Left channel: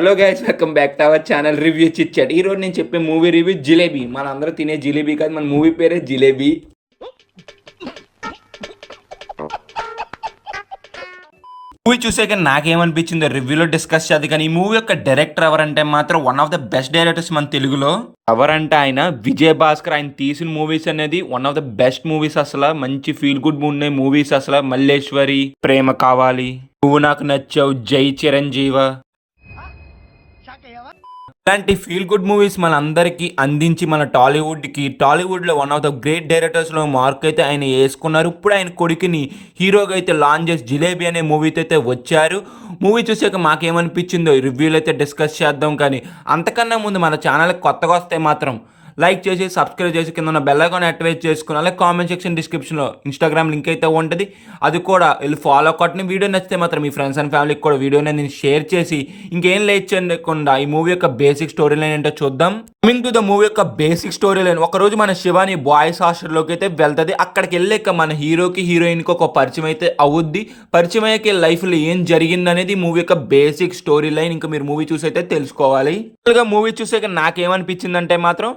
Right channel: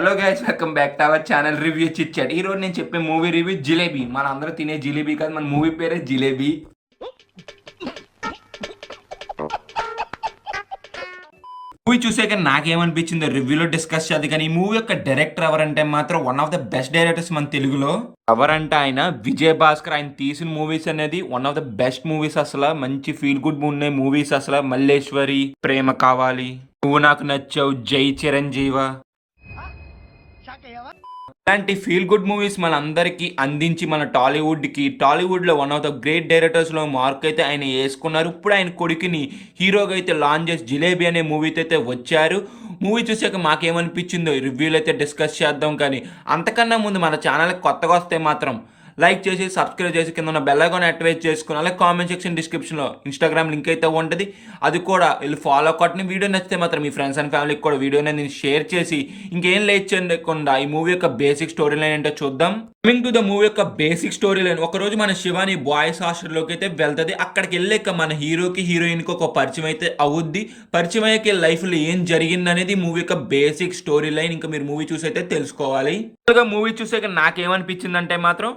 Hello guys, welcome back to our channel review chit chat. ఈ రోజు నేను చెప్పే మూవీ రివ్యూ జిలేబీ. మన అందరూ తినే జిలేబీ కాదు, మన మూవీ పేరే జిలేబీ. మూవీ చూసాక నాకేమనిపించిందో రివ్యూలో డిస్కస్ చేద్దాం. కానీ ఈ మూవీ యొక్క డైరెక్టర్ ఎవరంటే మాత్రం one of the best directors మన తెలుగులో. ఎవరంటే ఆయన విజయ్ భాస్కర్. ఆయన తీసిన మూవీస్ అనేది one of the best movies. అసలు మంచి ఫీల్ గుడ్ ఉన్నాయి మూవీస్. అసలు మల్లేశ్వరి, ప్రేమ కావాలి, నువ్వు నాకు నచ్చావు, జై చిరంజీవ, ఇలాంటి ఫీల్ గుడ్ మూవీస్ మన అందరికీ అందించి మన టాలీవుడ్లో వన్ ఆఫ్ ద గ్రేట్ డైరెక్టర్స్లో మార్క్ అయితే ఆయన వేసుకున్నారు. ఇప్పుడు ఆయన కొడుకుని హీరోగా అయితే లాంచ్ చేసి జిలేబీ అనే మూవీతో అయితే వచ్చారు. మూవీ చూసాక మాకేమనిపించిందో రివ్యూలో అయితే డిస్కస్ చేద్దాం. కానీ అంతకన్నా ముందు మన ఛానల్కి కొత్తగా వస్తే మాత్రం లైక్ చేసి సబ్స్క్రైబ్ చేసి కింద ఉన్న బెల్ ఐకాన్ యాక్టివేట్ చేసుకుని, అలాగే కామెంట్ సెక్షన్ డిస్క్రిప్షన్లో ఇన్స్టాగ్రామ్ లింక్ అయితే ఉంటుంది, అది కూడా వెళ్ళి ఫాలో కొట్టని. వీడియో నచ్చితే మాత్రం మీ ఫ్రెండ్స్ అండ్ ఫ్యామిలీకి కూడా వీడియోని నేను షేర్ చేసి ఇంకేం లేట్ చేయకుండా ఈ మూవీ యొక్క బేసిక్ స్టోరీ లైన్ ఏంటో చూద్దాం. కమింగ్ టు ద మూవీ యొక్క బేసిక్ స్టోరీ లైన్, ఒకరోజు మన శివాని బాయ్స్ హాస్టల్లోకి అయితే వెళ్తుంది. అక్కడికి వెళ్ళాక మన హీరోకి హీరోయిన్కి ఒక పరిచయం అయితే అవుద్ది. పరిచయం అయ్యాక లైఫ్లో ఏం జరిగింది అనేది మూవీ యొక్క బేసిక్ స్టోరీ లైన్. ఇంకా మీరు మూవీ చూసి అయితే తెలుసుకోవాలి. మూవీ చూసాక నాకేమనిపించిందంటే మాత్రం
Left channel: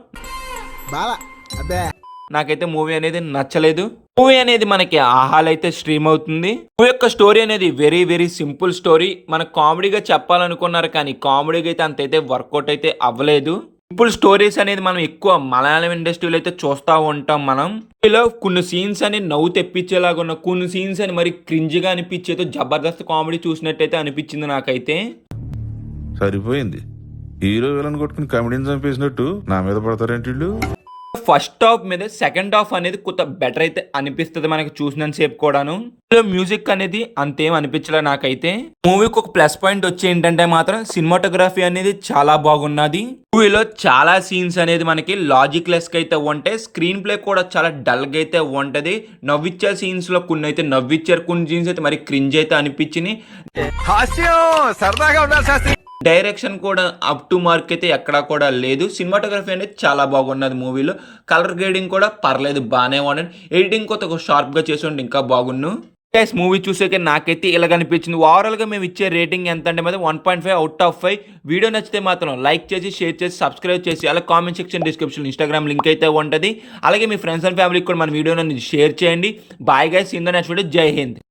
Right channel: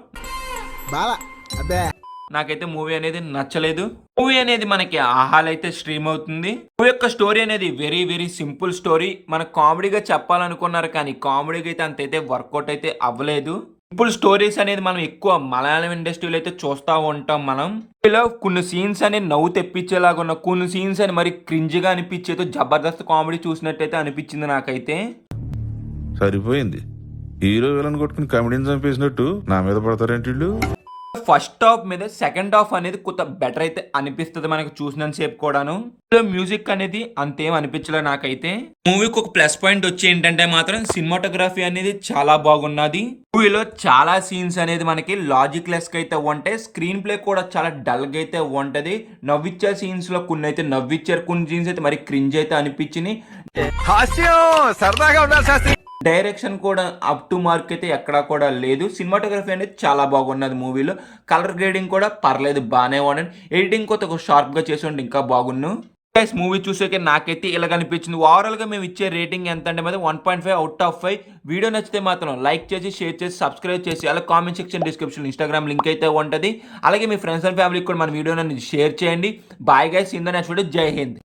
నాకైతే మూవీ అనేది నచ్చలేదు. మూవీ అనేది మనకి ఆహాలు అయితే స్ట్రీమ్ అవుతుంది. మూవీ యొక్క స్టోరీ అనేది వెరీ వెరీ సింపుల్ స్టోరీ. మన కామెడీగా చెప్పాలనుకున్నారు కానీ కామెడీగా అయితే అంతైతే వర్కౌట్ అయితే అవ్వలేదు. సింపుల్ స్టోరీస్ అనేది మనం ఎక్కువ మలయాళం ఇండస్ట్రీలో అయితే చూస్తూ ఉంటాం. మనం ఇలా కొన్ని సీన్స్ అని నవ్వు తెప్పించేలాగా ఉన్న కొన్ని సీన్స్ అని మరి క్రింజ్గా అనిపించేదో జబర్దస్త్ కామెడీ చూసినట్టయితే అనిపించింది నాకైతే. సరిపోయింది, హీరో విలన్ కొట్టుకుని కామెడీని చంపేసినట్టు నా మీద పడతారేంటి వీళ్ళు. ఫస్ట్ హాఫ్ మీద సెకండ్ హాఫ్ అనేది కొంత బెటర్ అయితే అనిపిస్తుంది మనకు చూసినంత సేపు కూడాను. మ్యూజిక్ అనేది అంతేం అనిపించలేదు నాకైతే. మూవీకి ఒక ప్లస్ పాయింట్ వచ్చి ఏంటంటే మాత్రం సినిమాటోగ్రఫీ అనేది చాలా బాగున్నది. మూవీలో చాలా సీన్స్ అనేది మనకి లాజిక్ లెస్ గా అయితే ఉంటాయి. స్క్రీన్ ప్లే కూడా చాలా డల్ గా అయితే ఉంటది. నవ్విచ్చే సీన్స్ లో కొన్ని అయితే నవ్విచ్చారు, కొన్ని సీన్స్ అయితే మరి క్రింజ్ అయితే అనిపించింది. డైరెక్షన్ కూడా అప్ టు మార్క్ అయితే ఎక్కడా కూడా లేదు. సినిమాటోగ్రఫీ అనేది చాలా బాగున్నది మూవీలో. కలర్ గ్రేడింగ్ కూడా పర్లేదు, బాగానే ఉన్నది. ఎడిటింగ్ కొత్త షార్ప్గా చేసి ఉంటే ఇంకా బాగున్ను. గైస్, మూవీ చూసాక నాకైతే ఇలా కనిపించింది. ఓవరాల్గా మేము ఇచ్చే రేటింగ్ ఎంత అంటే మాత్రం 1.5 అవుట్ ఆఫ్ 5. వీడియో నచ్చితే మాత్రం లైక్ చేసి షేర్ చేసి సబ్స్క్రైబ్ చేసి అలాగే comment section description Instagram link అయితే ఉంటుంది. అలాగే మీ ఫ్రెండ్స్ అండ్ ఫ్యామిలీకి కూడా మన వీడియోని షేర్ చేయండి. Bye guys, in the next video. జై హింద్.